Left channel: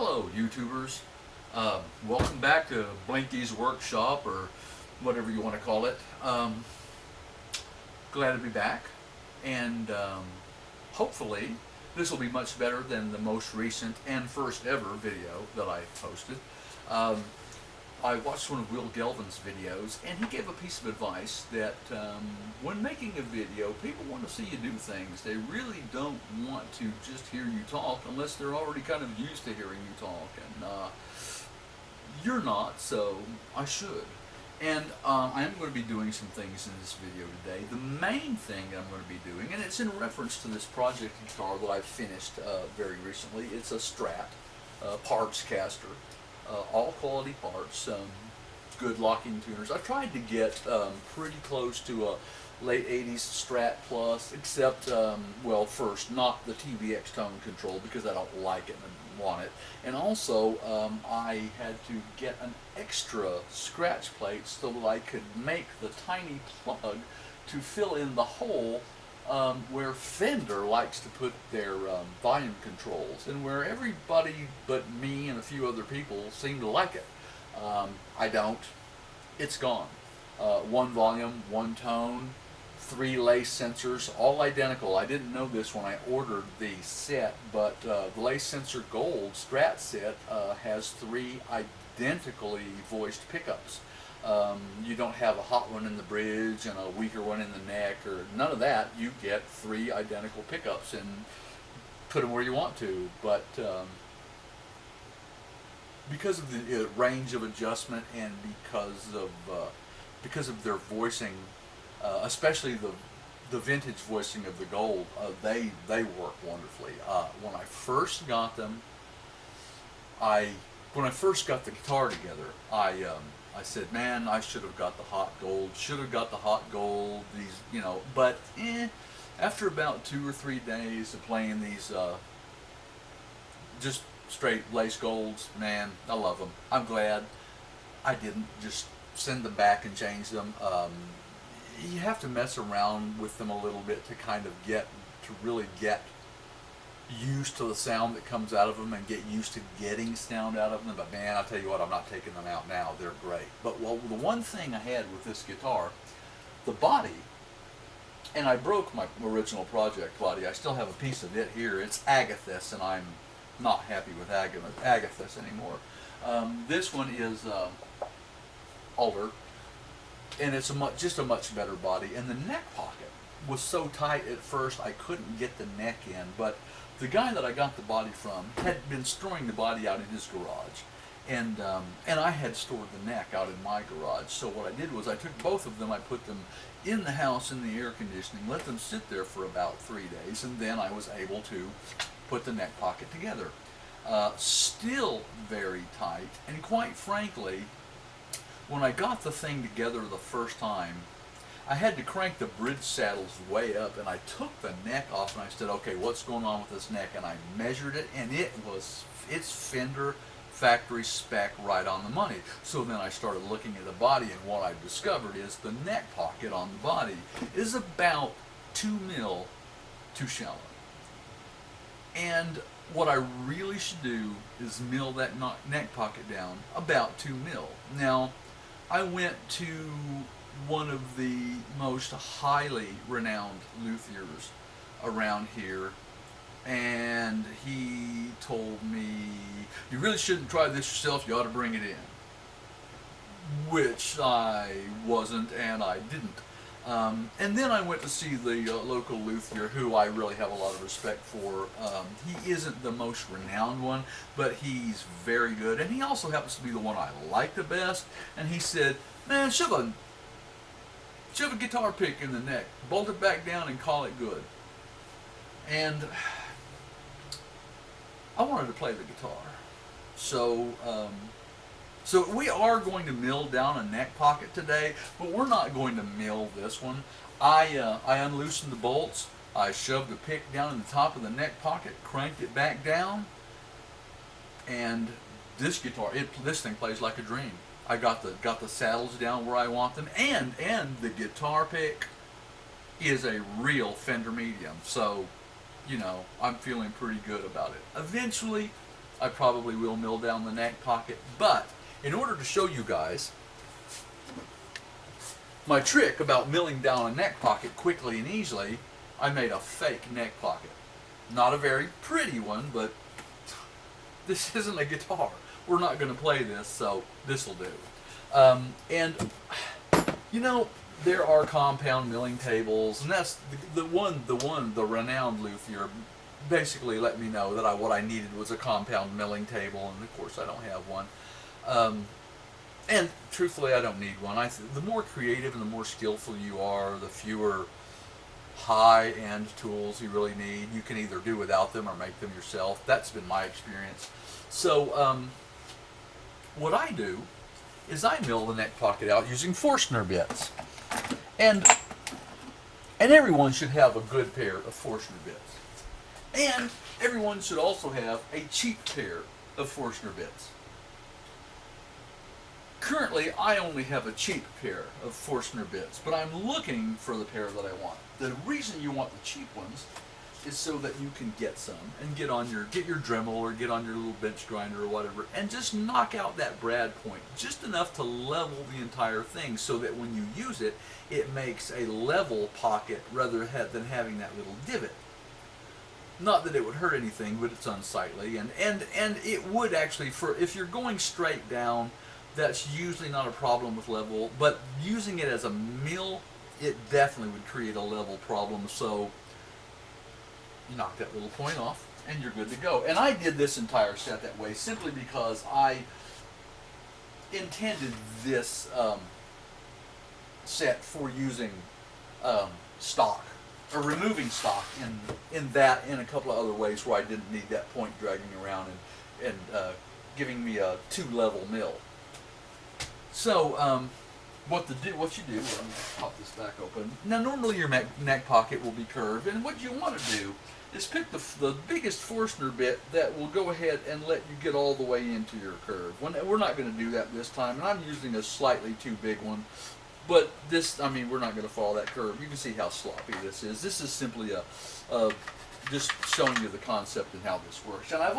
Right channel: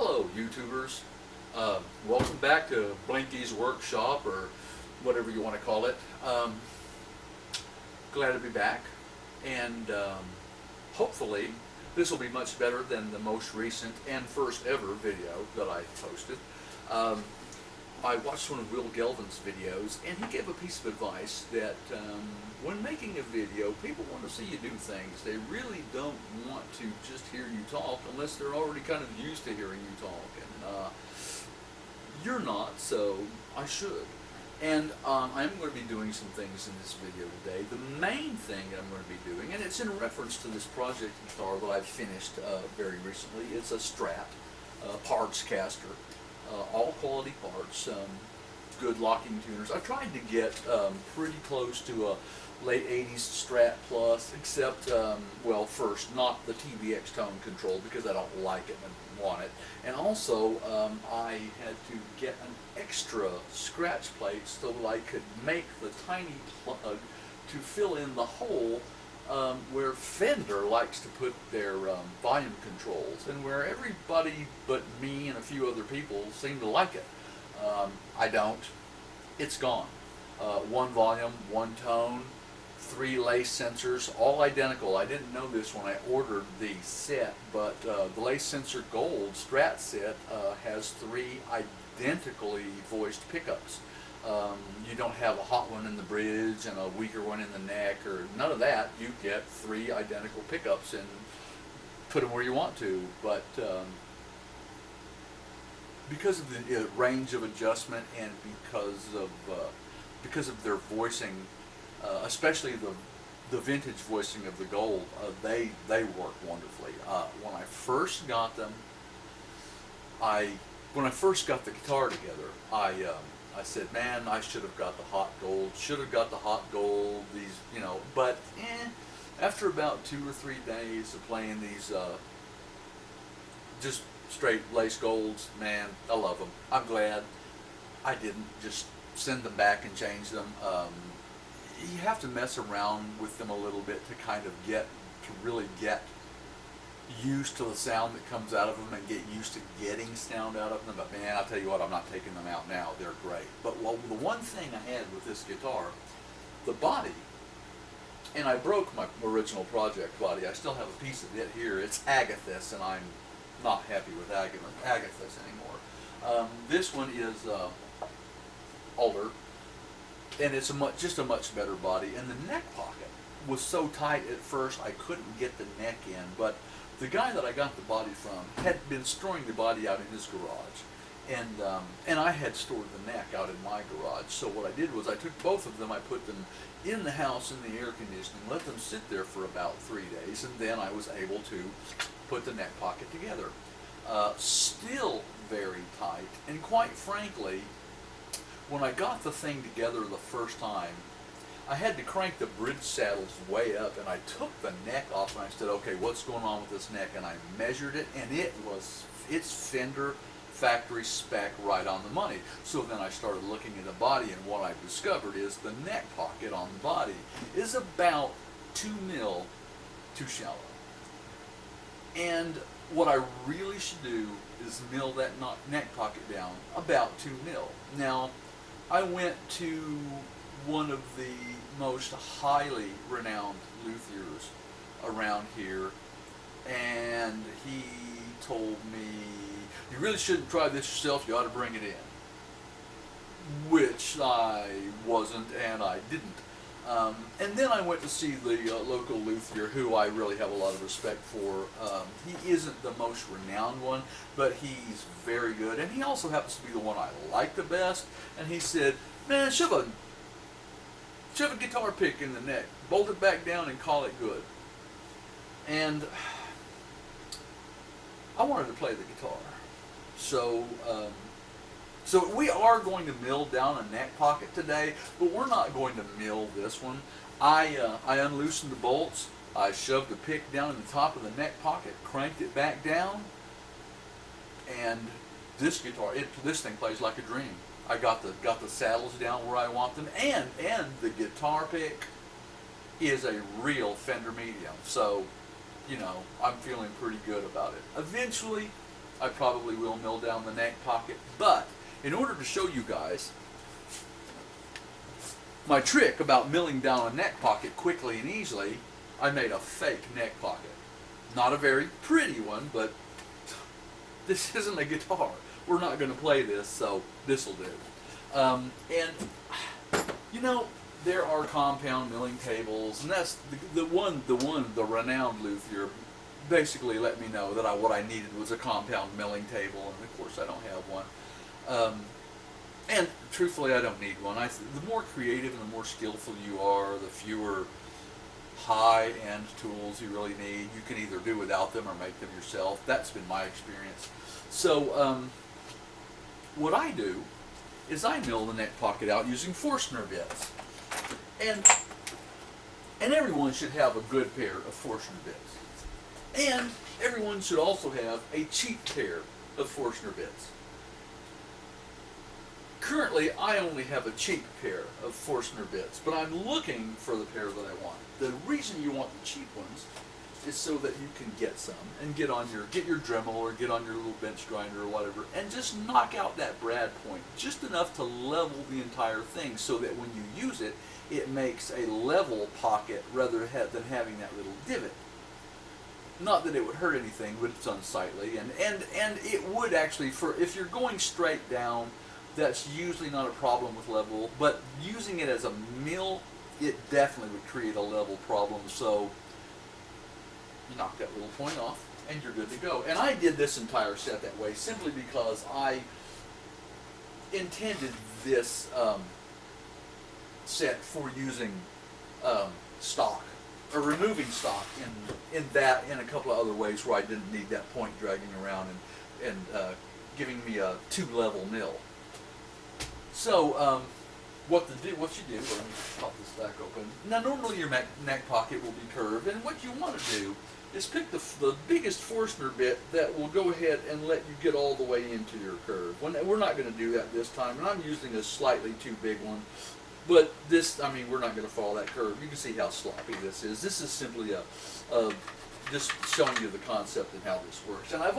Hello, YouTubers. Welcome back to Blinky's Workshop, or whatever you want to call it. Glad to be back, and hopefully this will be much better than the most recent and first ever video that I posted. Um, I watched one of Will Gelvin's videos, and he gave a piece of advice that when making a video, people want to see you do things. They really don't want to just hear you talk unless they're already kind of used to hearing you talk. And you're not, so I should. And I'm going to be doing some things in this video today. The main thing I'm going to be doing, and it's in reference to this project guitar that I've finished very recently. It's a Strat parts caster. All quality parts, good locking tuners. I've tried to get pretty close to a late 80s Strat Plus, except, well, first, not the TVX tone control because I don't like it and I want it. And also, I had to get an extra scratch plate so that I could make the tiny plug to fill in the hole where Fender likes to put their volume controls, and where everybody but me and a few other people seem to like it. I don't. It's gone. One volume, one tone, 3 lace sensors, all identical. I didn't know this when I ordered the set, but the lace sensor gold Strat set has 3 identically voiced pickups. You don't have a hot one in the bridge and a weaker one in the neck, or none of that. You get 3 identical pickups and put them where you want to. But because of the range of adjustment and because of their voicing, especially the vintage voicing of the gold, they work wonderfully. When I first got them, when I first got the guitar together, I said, man, I should have got the hot gold, should have got the hot gold, these, you know, but after about 2 or 3 days of playing these just straight lace golds, man, I love them. I'm glad I didn't just send them back and change them. You have to mess around with them a little bit to kind of really get used to the sound that comes out of them and get used to getting sound out of them. But man, I tell you what, I'm not taking them out now. They're great. But well, the one thing I had with this guitar, the body, and I broke my original project body. I still have a piece of it here. It's Agathis, and I'm not happy with Agathis anymore. This one is Alder, and it's just a much better body. And the neck pocket was so tight at first I couldn't get the neck in, but the guy that I got the body from had been storing the body out in his garage, and I had stored the neck out in my garage. So what I did was I took both of them, I put them in the house in the air conditioning, let them sit there for about 3 days, and then I was able to put the neck pocket together. Still very tight, and quite frankly, when I got the thing together the first time, I had to crank the bridge saddles way up, and I took the neck off and I said, okay, what's going on with this neck? And I measured it, and it's Fender factory spec, right on the money. So then I started looking at the body, and what I've discovered is the neck pocket on the body is about 2 mil too shallow. And what I really should do is mill that neck pocket down about 2 mil. Now, I went to one of the most highly renowned luthiers around here, and he told me, you really shouldn't try this yourself, you ought to bring it in. Which I wasn't, and I didn't. And then I went to see the local luthier, who I really have a lot of respect for. He isn't the most renowned one, but he's very good, and he also happens to be the one I like the best. And he said, man, shove a guitar pick in the neck, bolt it back down, and call it good. And I wanted to play the guitar, so so we are going to mill down a neck pocket today, but we're not going to mill this one. I unloosened the bolts, I shoved the pick down in the top of the neck pocket, cranked it back down, and this guitar, this thing plays like a dream. I got the saddles down where I want them, and the guitar pick is a real Fender medium. So, you know, I'm feeling pretty good about it. Eventually, I probably will mill down the neck pocket. But in order to show you guys my trick about milling down a neck pocket quickly and easily, I made a fake neck pocket. Not a very pretty one, but this isn't a guitar. We're not going to play this, so this will do. And you know, there are compound milling tables, and that's the renowned luthier basically let me know that what I needed was a compound milling table, and of course I don't have one. And truthfully, I don't need one. The more creative and the more skillful you are, the fewer high-end tools you really need. You can either do without them or make them yourself. That's been my experience. So what I do is I mill the neck pocket out using Forstner bits. And everyone should have a good pair of Forstner bits. And everyone should also have a cheap pair of Forstner bits. Currently, I only have a cheap pair of Forstner bits, but I'm looking for the pair that I want. The reason you want the cheap ones is so that you can get some and get your Dremel or get on your little bench grinder or whatever, and just knock out that brad point just enough to level the entire thing, so that when you use it, it makes a level pocket rather than having that little divot. Not that it would hurt anything, but it's unsightly, and it would actually, if you're going straight down, that's usually not a problem with level, but using it as a mill, it definitely would create a level problem. So you knock that little point off and you're good to go. And I did this entire set that way simply because I intended this set for using stock, or removing stock in a couple of other ways where I didn't need that point dragging around and giving me a two-level mill. So what you do, let me pop this back open. Now normally your neck pocket will be curved, and what you want to do is pick the biggest Forstner bit that will go ahead and let you get all the way into your curve. We're not going to do that this time, and I'm using a slightly too big one. But this, I mean, we're not going to follow that curve. You can see how sloppy this is. This is simply just showing you the concept and how this works. And I've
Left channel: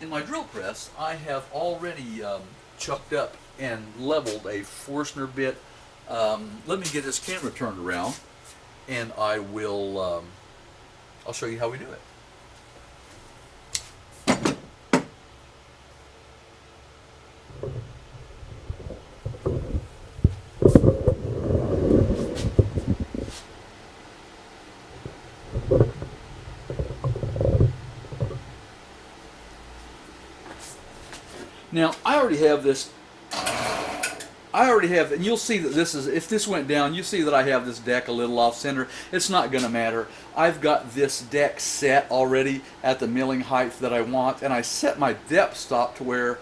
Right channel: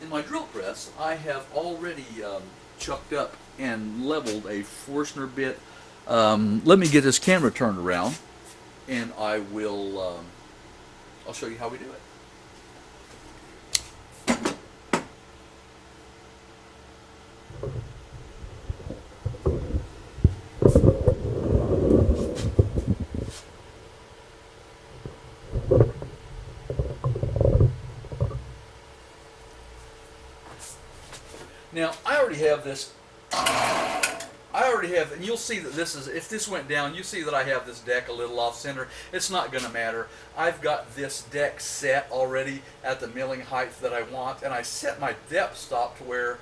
in my drill press, I have already chucked up and leveled a Forstner bit. Let me get this camera turned around, and I'll show you how we do it. Now, I already have this. And you'll see that this is, if this went down, you see that I have this deck a little off center. It's not going to matter. I've got this deck set already at the milling height that I want, and I set my depth stop to where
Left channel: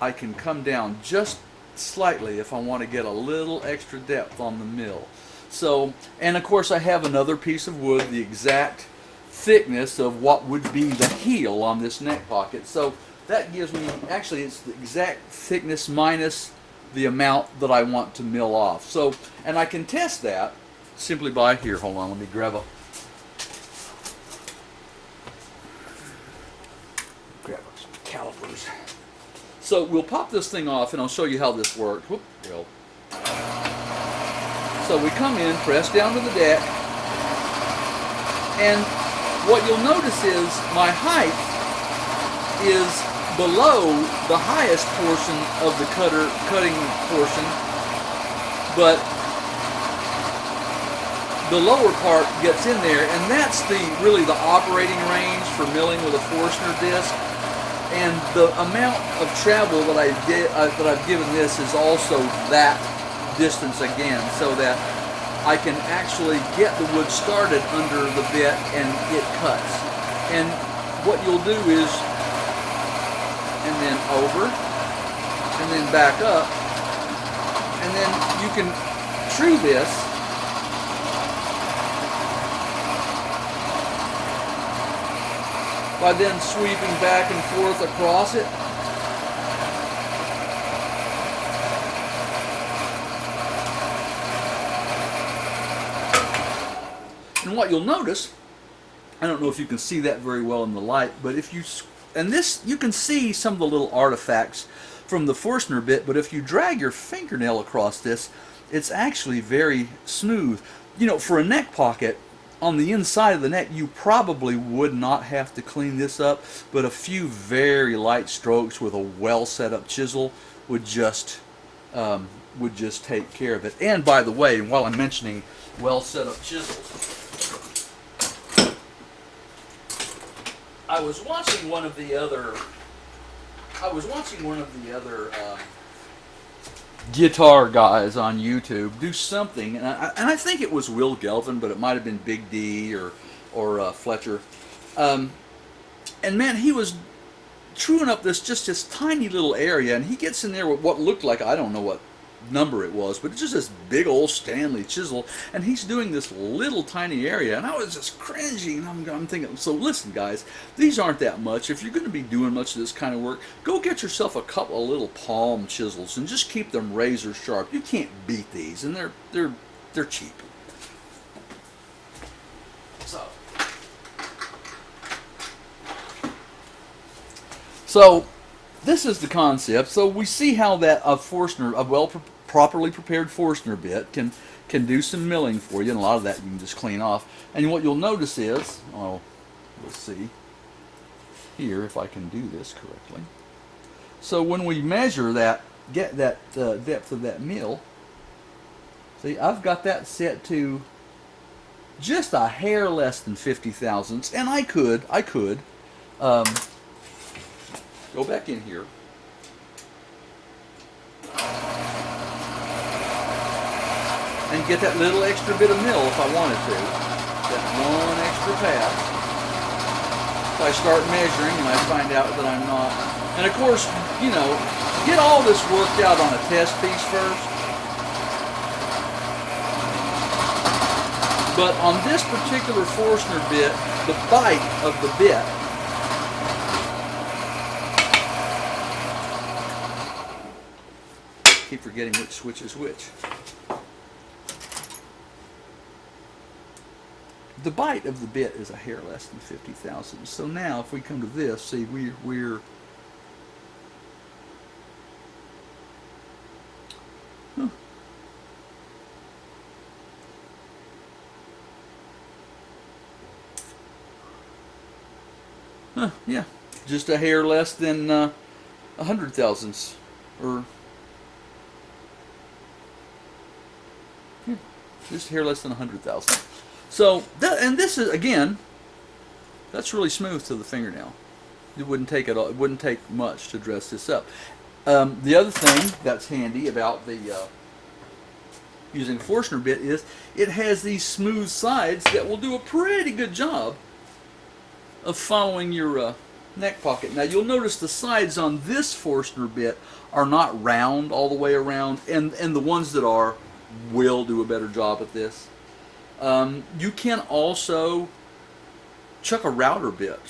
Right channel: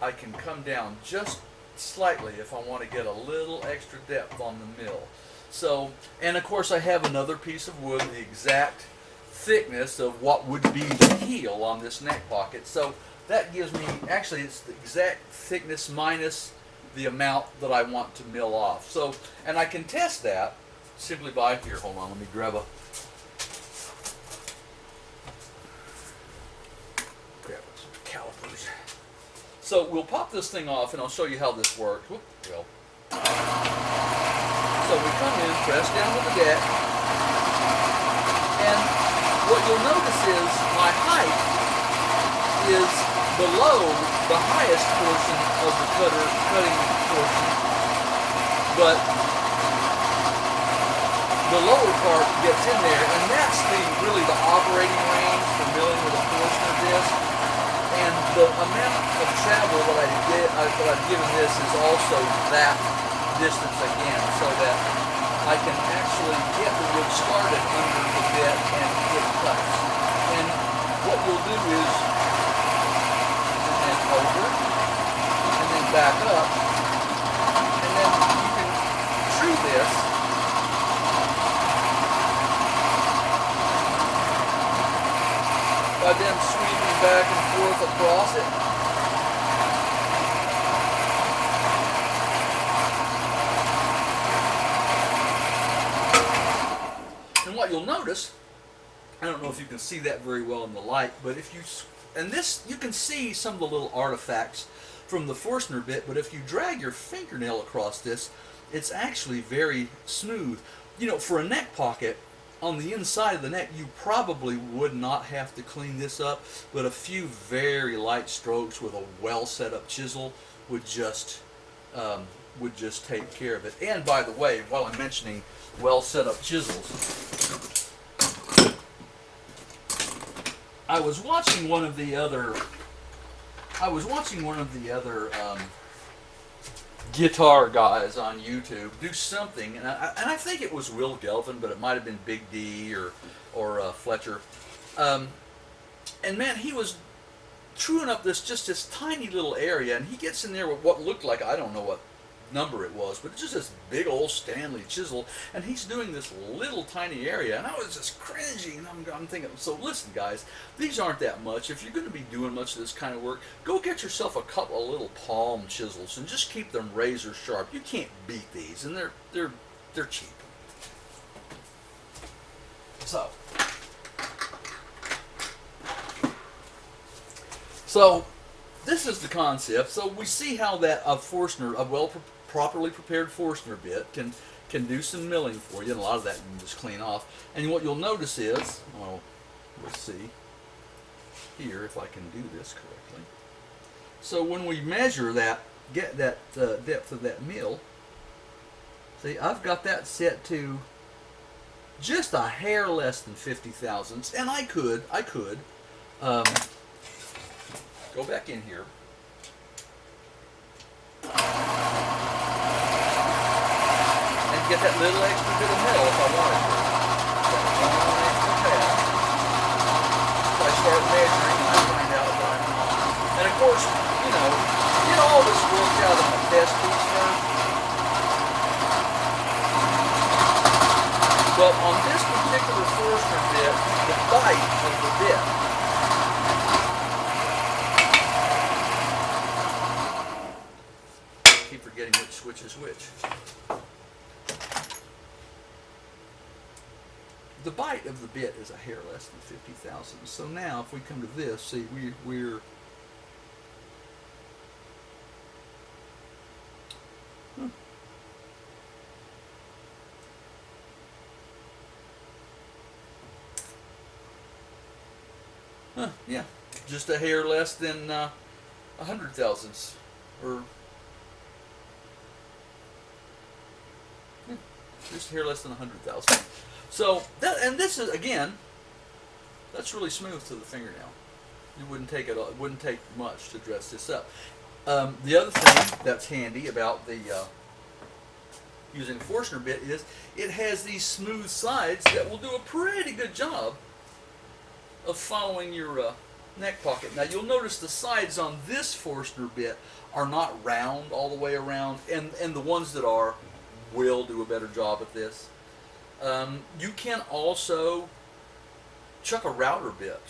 I can come down just slightly if I want to get a little extra depth on the mill. So, and of course I have another piece of wood, the exact thickness of what would be the heel on this neck pocket. So that gives me, actually it's the exact thickness minus the amount that I want to mill off. So, and I can test that simply by, here, hold on, let me grab some calipers. So we'll pop this thing off and I'll show you how this works. Whoop, well. So we come in, press down to the deck, and what you'll notice is my height is below the highest portion of the cutting portion, but the lower part gets in there, and that's really the operating range for milling with a Forstner disc. And the amount of travel that I've given this is also that distance again, so that I can actually get the wood started under the bit and it cuts. And what you'll do is, and then over, and then back up, and then you can true this by then sweeping back and forth across it. And what you'll notice I don't know if you can see that very well in the light, but if you, and this, you can see some of the little artifacts from the Forstner bit, but if you drag your fingernail across this, it's actually very smooth. You know, for a neck pocket, on the inside of the neck, you probably would not have to clean this up, but a few very light strokes with a well set up chisel would just take care of it. And by the way, while I'm mentioning well set up chisels, I was watching one of the other guitar guys on YouTube do something, and I think it was Will Gelvin, but it might have been Big D or Fletcher. And man, he was truing up this tiny little area, and he gets in there with what looked like, I don't know what number it was, but it's just this big old Stanley chisel, and he's doing this little tiny area, and I was just cringing. I'm thinking, so listen guys, these aren't that much. If you're going to be doing much of this kind of work, go get yourself a couple of little palm chisels and just keep them razor sharp. You can't beat these, and they're cheap. So this is the concept. So we see how that a properly prepared Forstner bit can do some milling for you, and a lot of that you can just clean off. And what you'll notice is, we'll see here if I can do this correctly. So when we measure that, get that depth of that mill, see, I've got that set to just a hair less than 50 thousandths, and I could go back in here and get that little extra bit of mill if I wanted to. That one extra pass. So I start measuring and I find out that I'm not. And of course, you know, get all this worked out on a test piece first. But on this particular Forstner bit, the bite of the bit keep forgetting which switch is which. The bite of the bit is a hair less than 50 thousandths. So now if we come to this, see we're yeah, just a hair less than 100 thousandths, or just a hair less than 100 thousandths. So and this is, again, that's really smooth to the fingernail. It wouldn't take it all. It wouldn't take much to dress this up. The other thing that's handy about the using a Forstner bit is it has these smooth sides that will do a pretty good job of following your neck pocket. Now you'll notice the sides on this Forstner bit are not round all the way around, and the ones that are will do a better job at this. You can also chuck a router bit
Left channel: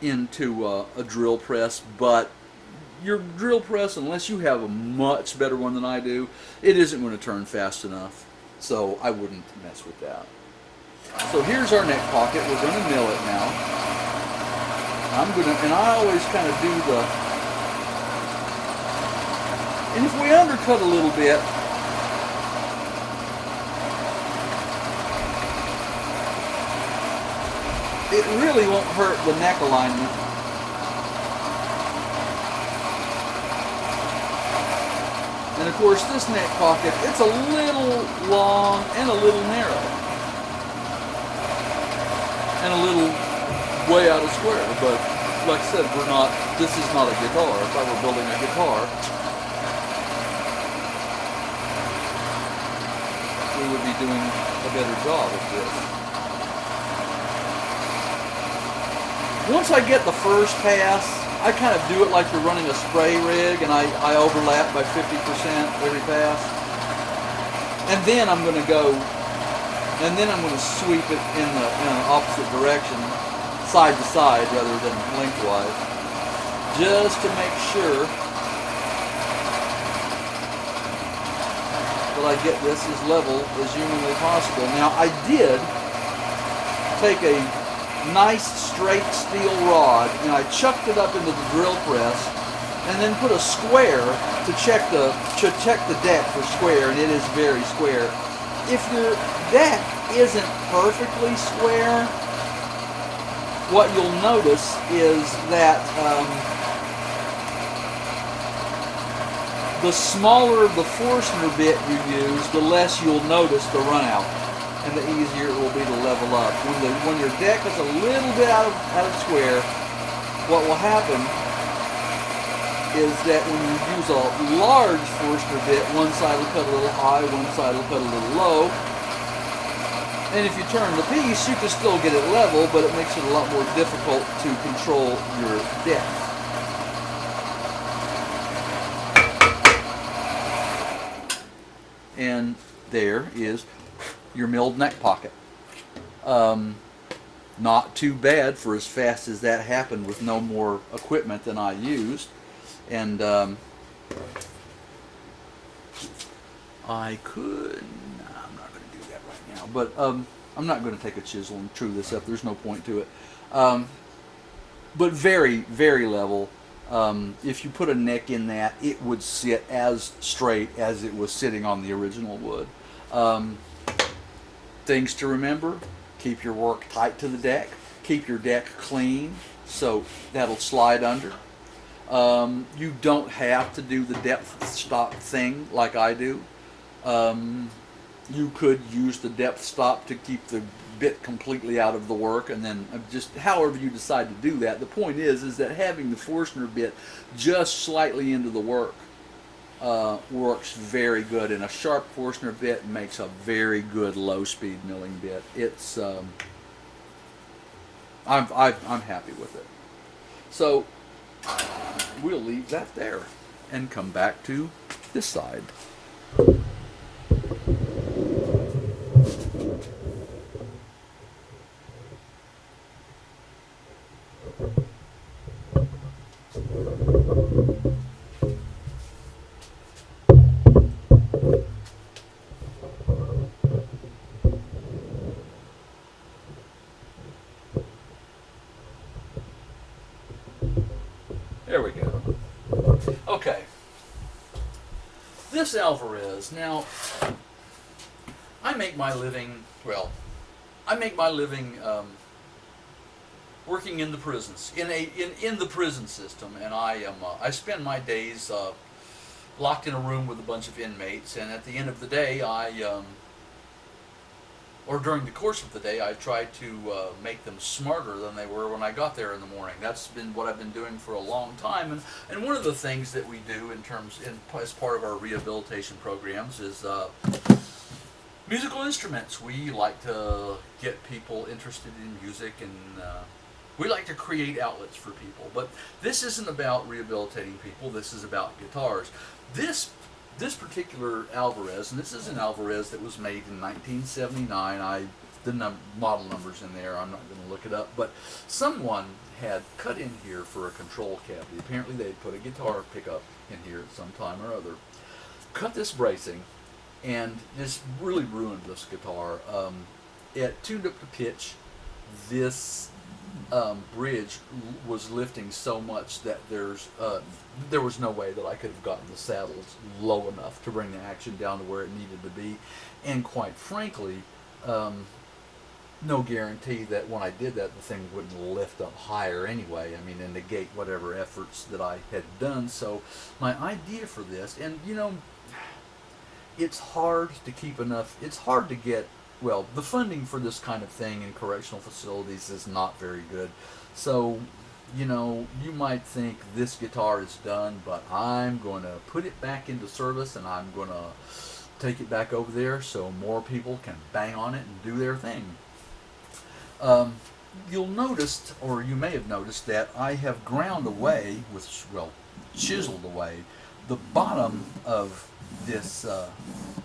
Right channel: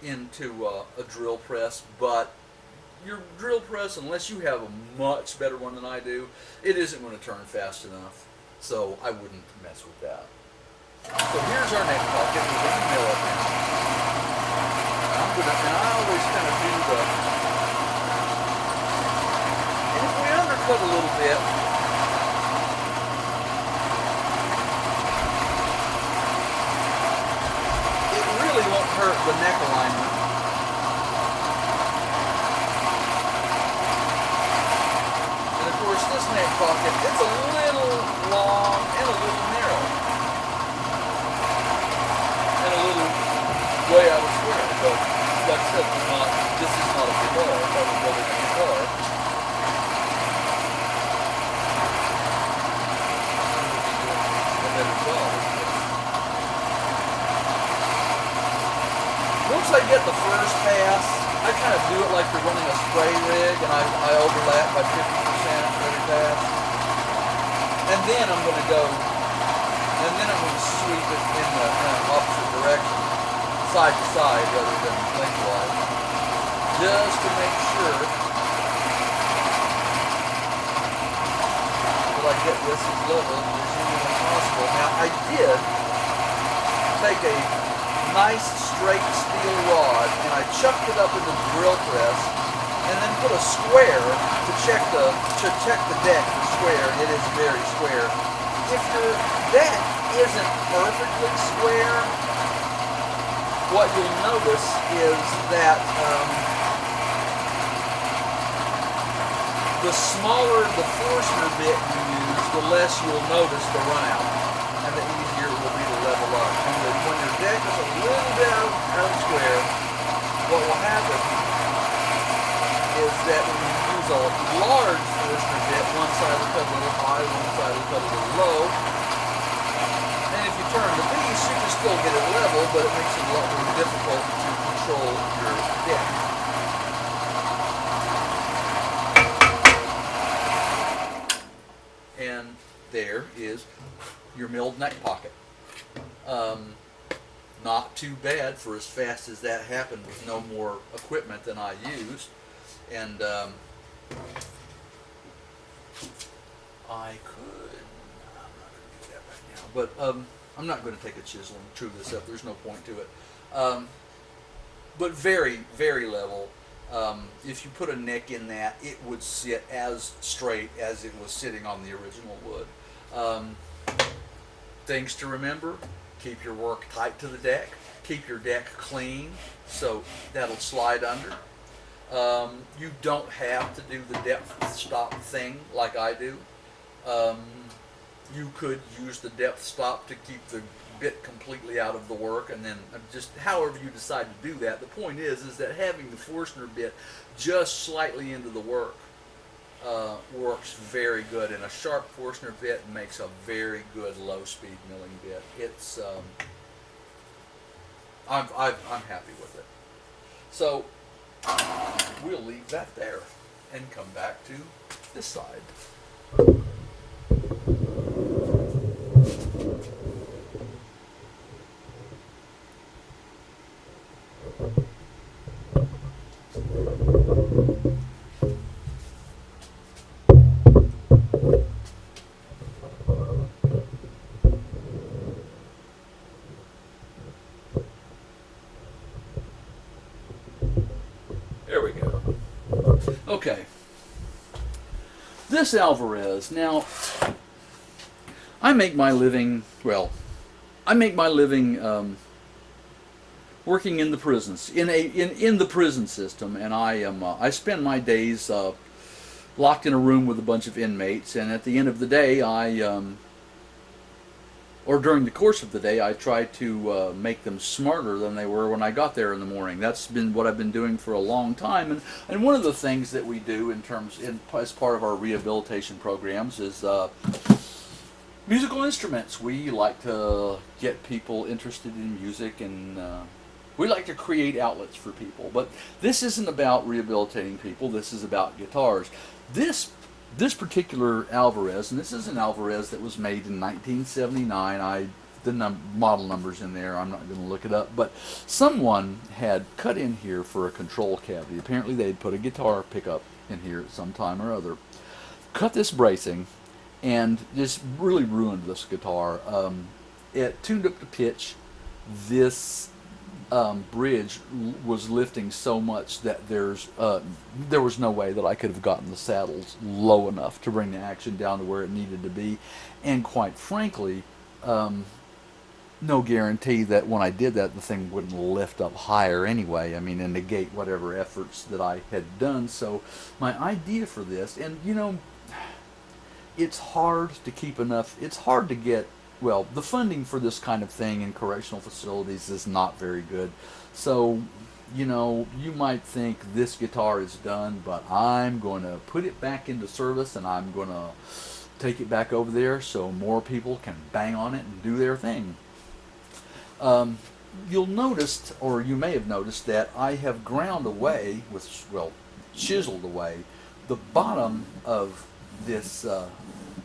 into a drill press, but your drill press, unless you have a much better one than I do, it isn't going to turn fast enough. So I wouldn't mess with that. So here's our neck pocket. We're going to mill it now. And I always kind of do and if we undercut a little bit, it really won't hurt the neck alignment. And of course this neck pocket, it's a little long and a little narrow. And a little way out of square. But like I said, this is not a guitar. If I were building a guitar, we would be doing a better job of this. Once I get the first pass, I kind of do it like you're running a spray rig, and I overlap by 50% every pass. And then I'm going to go, and then I'm going to sweep it in an opposite direction, side to side rather than lengthwise, just to make sure that I get this as level as humanly possible. Now I did take a nice straight steel rod, and I chucked it up into the drill press, and then put a square to check the deck for square, and it is very square. If your deck isn't perfectly square, what you'll notice is that the smaller the Forstner bit you use, the less you'll notice the runout, and the easier it will be to level up. When your deck is a little bit out of square, what will happen is that when you use a large Forstner bit, one side will cut a little high, one side will cut a little low. And if you turn the piece, you can still get it level, but it makes it a lot more difficult to control your deck. And there is your milled neck pocket. Not too bad for as fast as that happened with no more equipment than I used. And I could, I'm not going to do that right now, but I'm not going to take a chisel and true this up. There's no point to it. But very, very level. If you put a neck in that, it would sit as straight as it was sitting on the original wood. Things to remember: keep your work tight to the deck. Keep your deck clean, so that'll slide under. You don't have to do the depth stop thing like I do. You could use the depth stop to keep the bit completely out of the work, and then just however you decide to do that. The point is that having the Forstner bit just slightly into the work works very good, and a sharp Forstner bit makes a very good low-speed milling bit. It's I'm happy with it. So we'll leave that there and come back to this side. There we go. Okay. This Alvarez. Now, I make my living, working in the prisons, in the prison system, and I spend my days locked in a room with a bunch of inmates, and at the end of the day, or during the course of the day, I try to make them smarter than they were when I got there in the morning. That's been what I've been doing for a long time, and one of the things that we do as part of our rehabilitation programs is musical instruments. We like to get people interested in music, and we like to create outlets for people. But this isn't about rehabilitating people. This is about guitars. This particular Alvarez, and this is an Alvarez that was made in 1979. The model number's in there. I'm not going to look it up, but someone had cut in here for a control cavity. Apparently they'd put a guitar pickup in here at some time or other, cut this bracing, and just really ruined this guitar. It tuned up the pitch. This bridge was lifting so much that there was no way that I could have gotten the saddles low enough to bring the action down to where it needed to be, and quite frankly, no guarantee that when I did that the thing wouldn't lift up higher anyway. I mean, and negate whatever efforts that I had done. So my idea for this, and you know, it's hard to keep enough, it's hard to get, well, the funding for this kind of thing in correctional facilities is not very good. So, you know, you might think this guitar is done, but I'm going to put it back into service, and I'm going to take it back over there so more people can bang on it and do their thing. You'll notice, or you may have noticed, that I have ground away, chiseled away, the bottom of this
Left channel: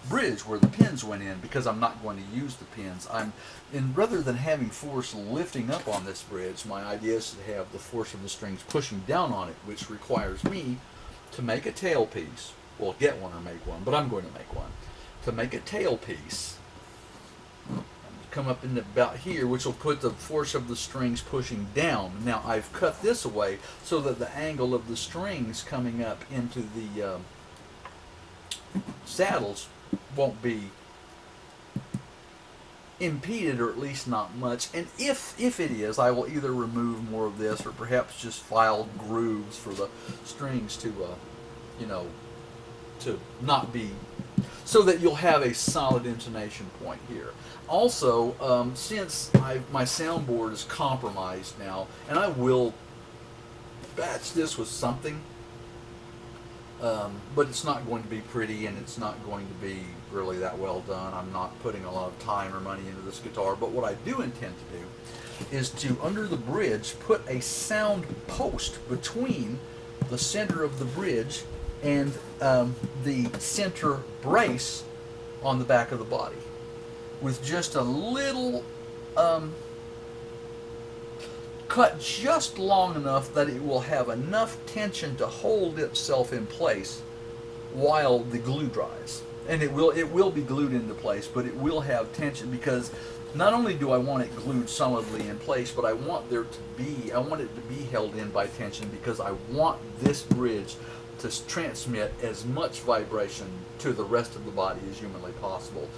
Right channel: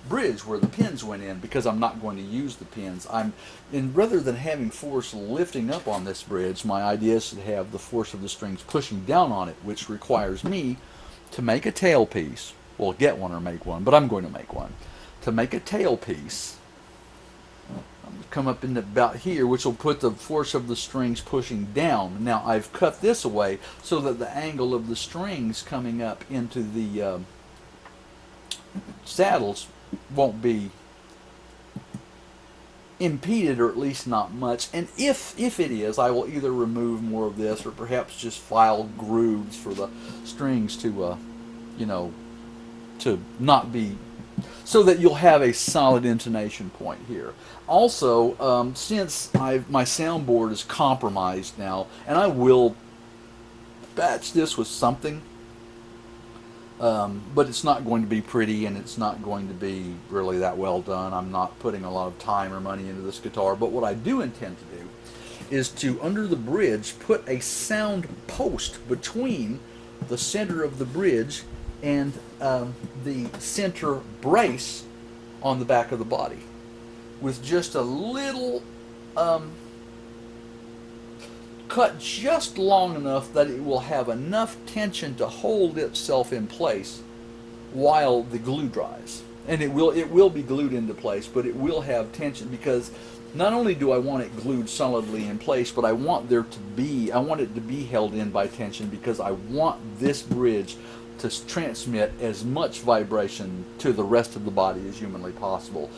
bridge where the pins went in, because I'm not going to use the pins. And rather than having force lifting up on this bridge, my idea is to have the force of the strings pushing down on it, which requires me to make a tailpiece. Well, get one or make one, but I'm going to make one. To make a tailpiece, come up in about here, which will put the force of the strings pushing down. Now I've cut this away so that the angle of the strings coming up into the saddles won't be impeded, or at least not much. And if it is, I will either remove more of this or perhaps just file grooves for the strings to you know, to not be, so that you'll have a solid intonation point here. Also, since my soundboard is compromised now, and I will batch this with something, but it's not going to be pretty, and it's not going to be really that well done. I'm not putting a lot of time or money into this guitar, but what I do intend to do is to, under the bridge, put a sound post between the center of the bridge and the center brace on the back of the body, with just a little cut just long enough that it will have enough tension to hold itself in place while the glue dries. And it will be glued into place, but it will have tension, because not only do I want it glued solidly in place, but I want it to be held in by tension, because I want this bridge to transmit as much vibration to the rest of the body as humanly possible.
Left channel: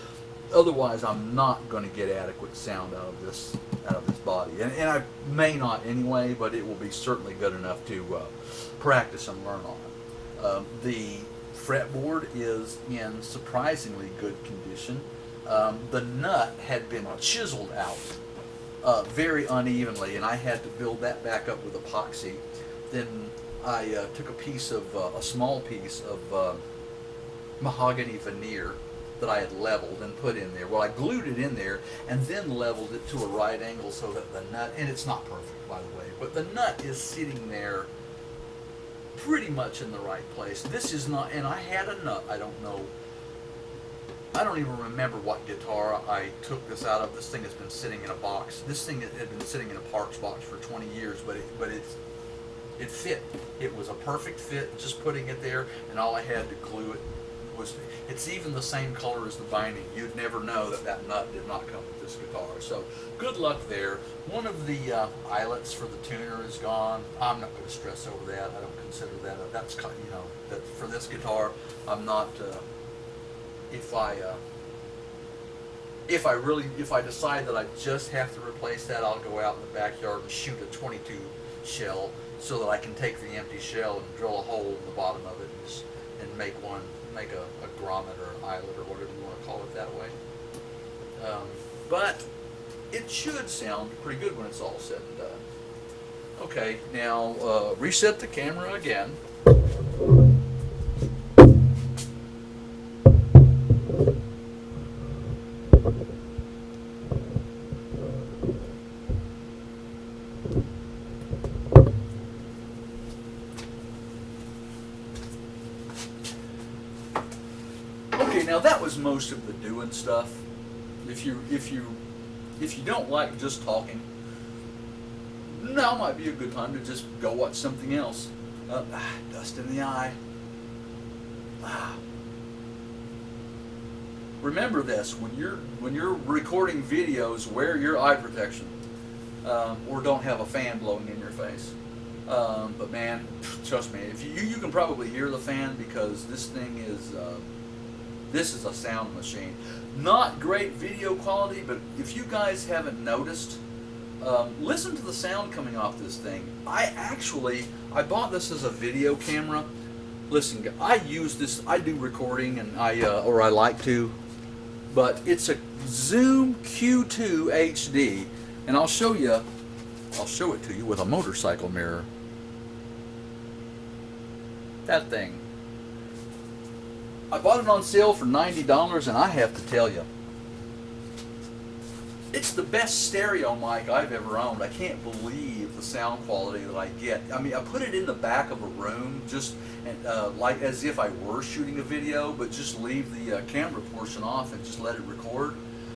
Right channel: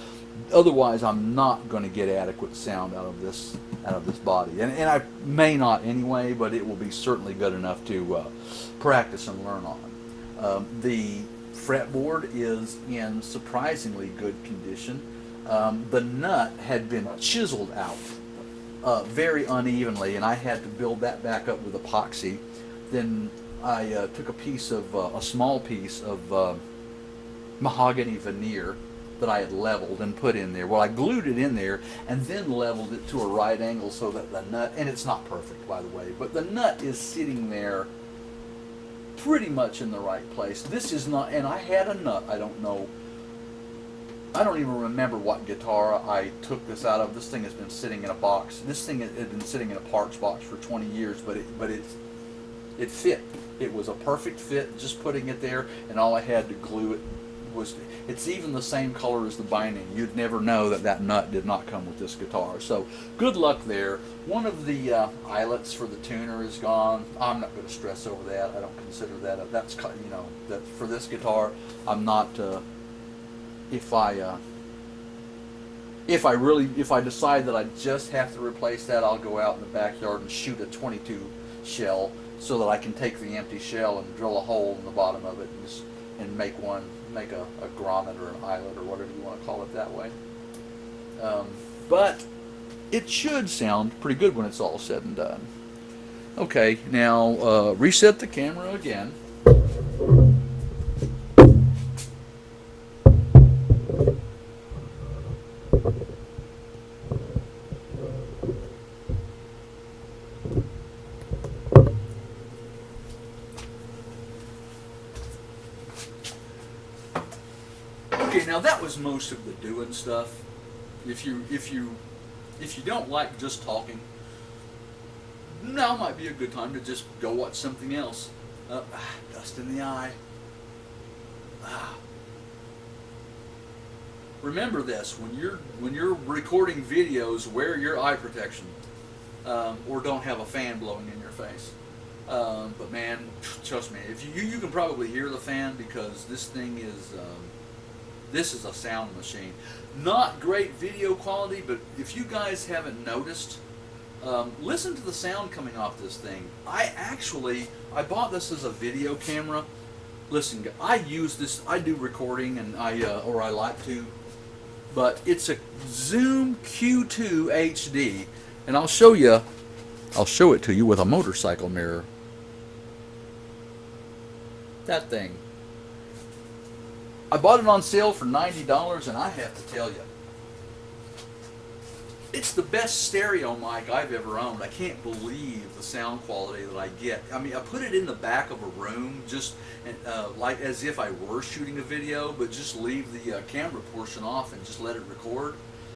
Otherwise, I'm not going to get adequate sound out of this body, and I may not anyway, but it will be certainly good enough to practice and learn on. The fretboard is in surprisingly good condition. The nut had been chiseled out very unevenly, and I had to build that back up with epoxy. Then I took a small piece of mahogany veneer that I had leveled and put in there. Well, I glued it in there and then leveled it to a right angle so that the nut, and it's not perfect, by the way, but the nut is sitting there pretty much in the right place. This is not, and I had a nut, I don't even remember what guitar I took this out of. This thing has been sitting in a box. This thing had been sitting in a parts box for 20 years, but it fit. It was a perfect fit, just putting it there, and all I had to glue it was, it's even the same color as the binding. You'd never know that nut did not come with this guitar. So good luck there. One of the eyelets for the tuner is gone. I'm not going to stress over that. I don't consider that that's, you know, that for this guitar, I'm not if I decide that I just have to replace that, I'll go out in the backyard and shoot a 22 shell so that I can take the empty shell and drill a hole in the bottom of it and make a grommet or an eyelet or whatever you want to call it that way. But it should sound pretty good when it's all said and done. Okay, now reset the camera again. Okay, now that was most of the doing stuff. If you don't like just talking, now might be a good time to just go watch something else. Dust in the eye. Remember this: when you're recording videos, wear your eye protection, or don't have a fan blowing in your face. But man, trust me, if you can probably hear the fan, because this thing is. This is a sound machine. Not great video quality, but if you guys haven't noticed, listen to the sound coming off this thing. I bought this as a video camera. Listen, I use this, I do recording, and I like to, but it's a Zoom Q2 HD, and I'll show it to you with a motorcycle mirror. That thing. I bought it on sale for $90, and I have to tell you, it's the best stereo mic I've ever owned. I can't believe the sound quality that I get. I mean, I put it in the back of a room, just like as if I were shooting a video, but just leave the camera portion off and just let it record.